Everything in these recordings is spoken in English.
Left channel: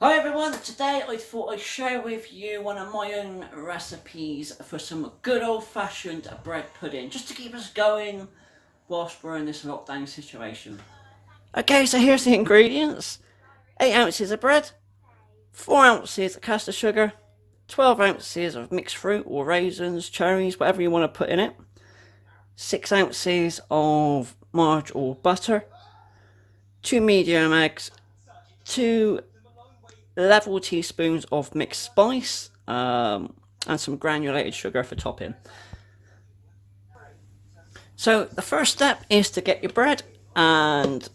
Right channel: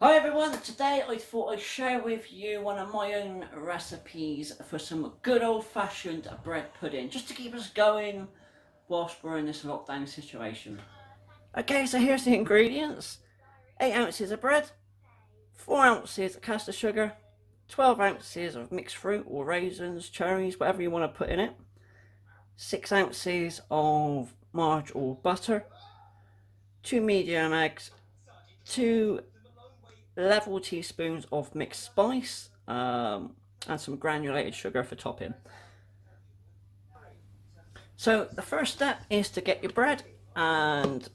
Hi everyone, today I thought I'd share with you one of my own recipes for some good old-fashioned bread pudding, just to keep us going whilst we're in this lockdown situation. Okay, so here's the ingredients. 8 ounces of bread, 4 ounces of caster sugar, 12 ounces of mixed fruit or raisins, cherries, whatever you want to put in it, 6 ounces of marg or butter, 2 medium eggs, 2 level teaspoons of mixed spice, and some granulated sugar for topping. So the first step is to get your bread, and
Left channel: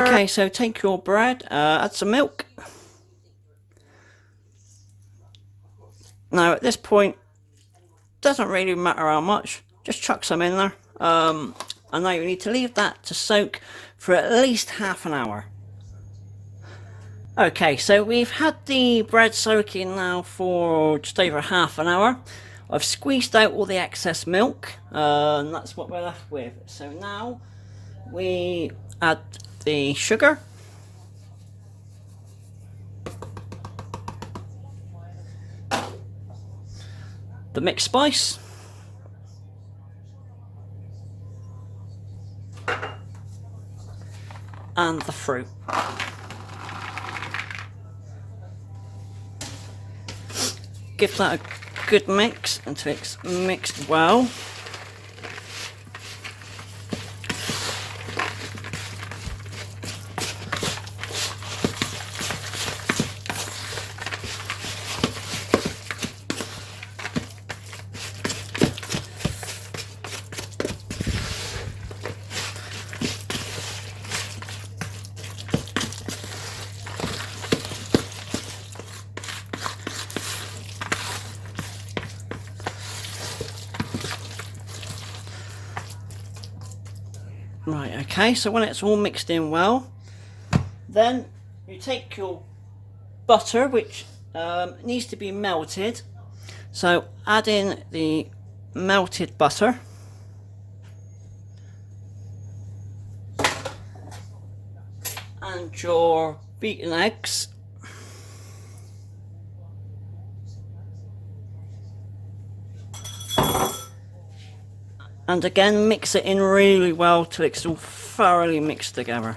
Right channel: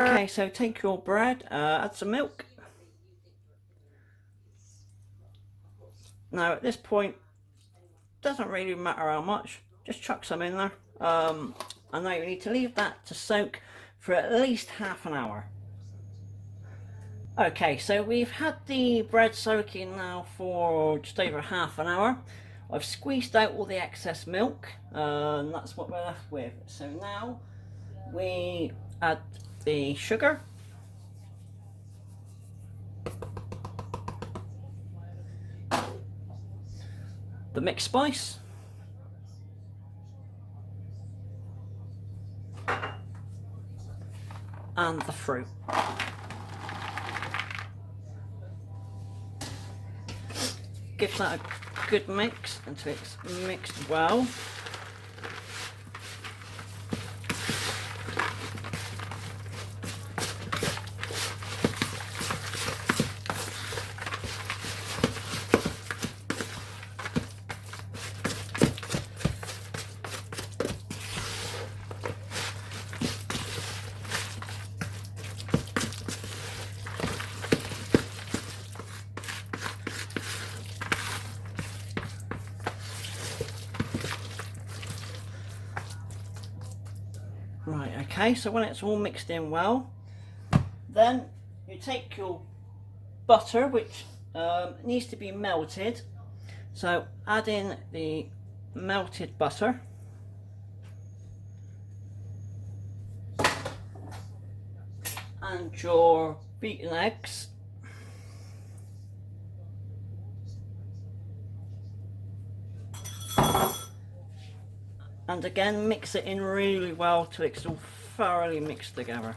Okay, so take your bread, add some milk. Now at this point, doesn't really matter how much, just chuck some in there. And now you need to leave that to soak for at least half an hour. Okay, so we've had the bread soaking now for just over half an hour. I've squeezed out all the excess milk, and that's what we're left with. So now we add the sugar, the mixed spice, and the fruit. Give that a good mix until it's mixed well. Right, okay, so when it's all mixed in well, then you take your butter, which needs to be melted. So add in the melted butter. And your beaten eggs. And again, mix it in really well till it's all thoroughly mixed together.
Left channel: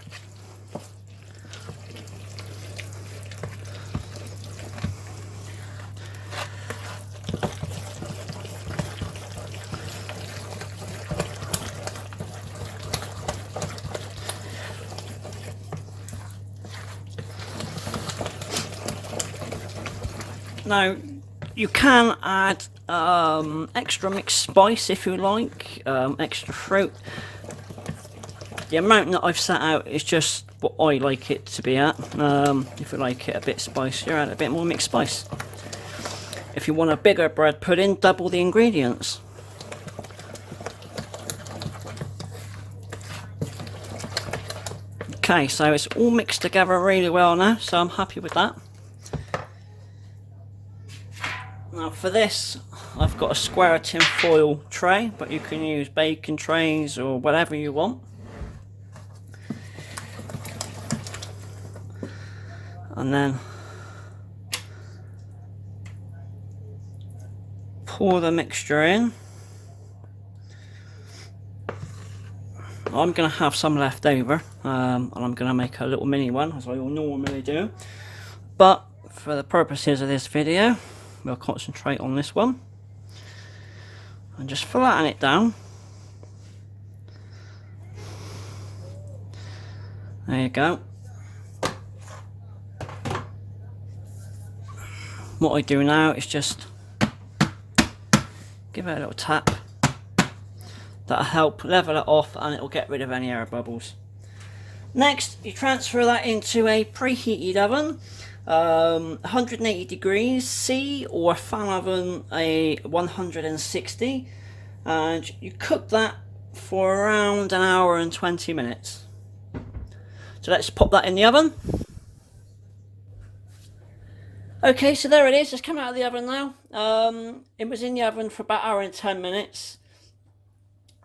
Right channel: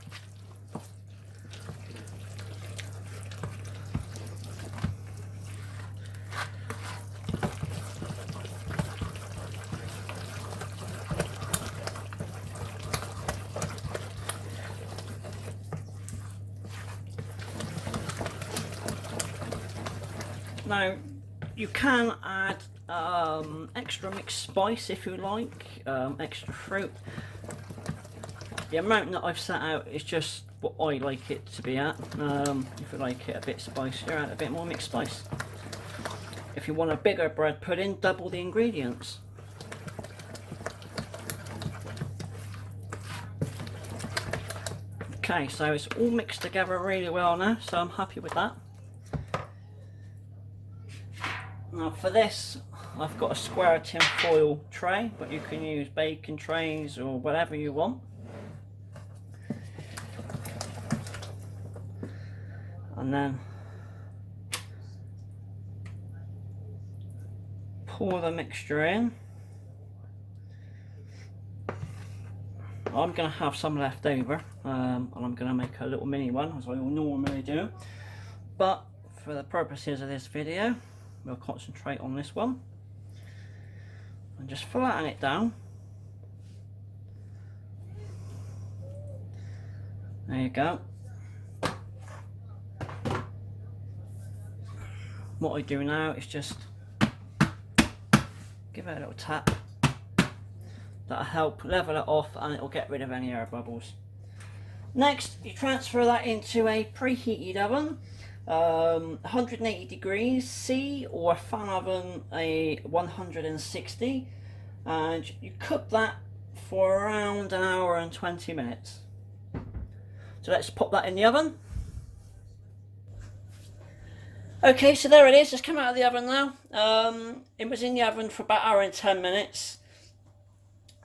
Now, you can add extra mixed spice if you like, extra fruit. The amount that I've set out is just what I like it to be at. If you like it a bit spicier, add a bit more mixed spice. If you want a bigger bread pudding, double the ingredients. Okay, so it's all mixed together really well now, so I'm happy with that. Now for this, I've got a square tin foil tray, but you can use baking trays or whatever you want. And then pour the mixture in. I'm going to have some left over, and I'm going to make a little mini one, as I normally do. But for the purposes of this video, we'll concentrate on this one. And just flatten it down. There you go. What I do now is just give it a little tap. That'll help level it off and it'll get rid of any air bubbles. Next, you transfer that into a preheated oven, 180 degrees C, or a fan oven, a 160, and you cook that for around an hour and 20 minutes. So let's pop that in the oven. Okay, so there it is, just come out of the oven now. It was in the oven for about an hour and 10 minutes.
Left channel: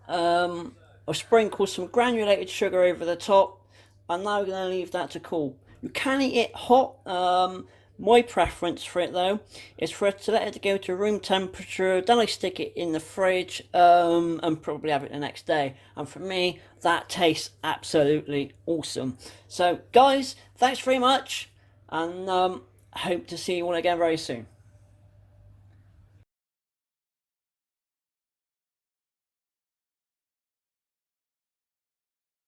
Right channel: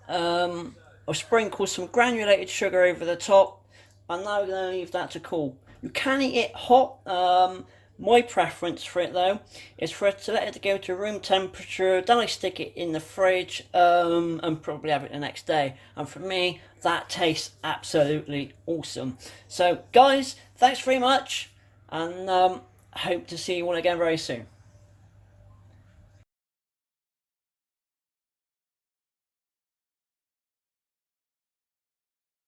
I've sprinkled some granulated sugar over the top, I'm now going to leave that to cool. You can eat it hot. My preference for it though is for it to let it go to room temperature, then I stick it in the fridge and probably have it the next day. And for me, that tastes absolutely awesome. So guys, thanks very much, and hope to see you all again very soon.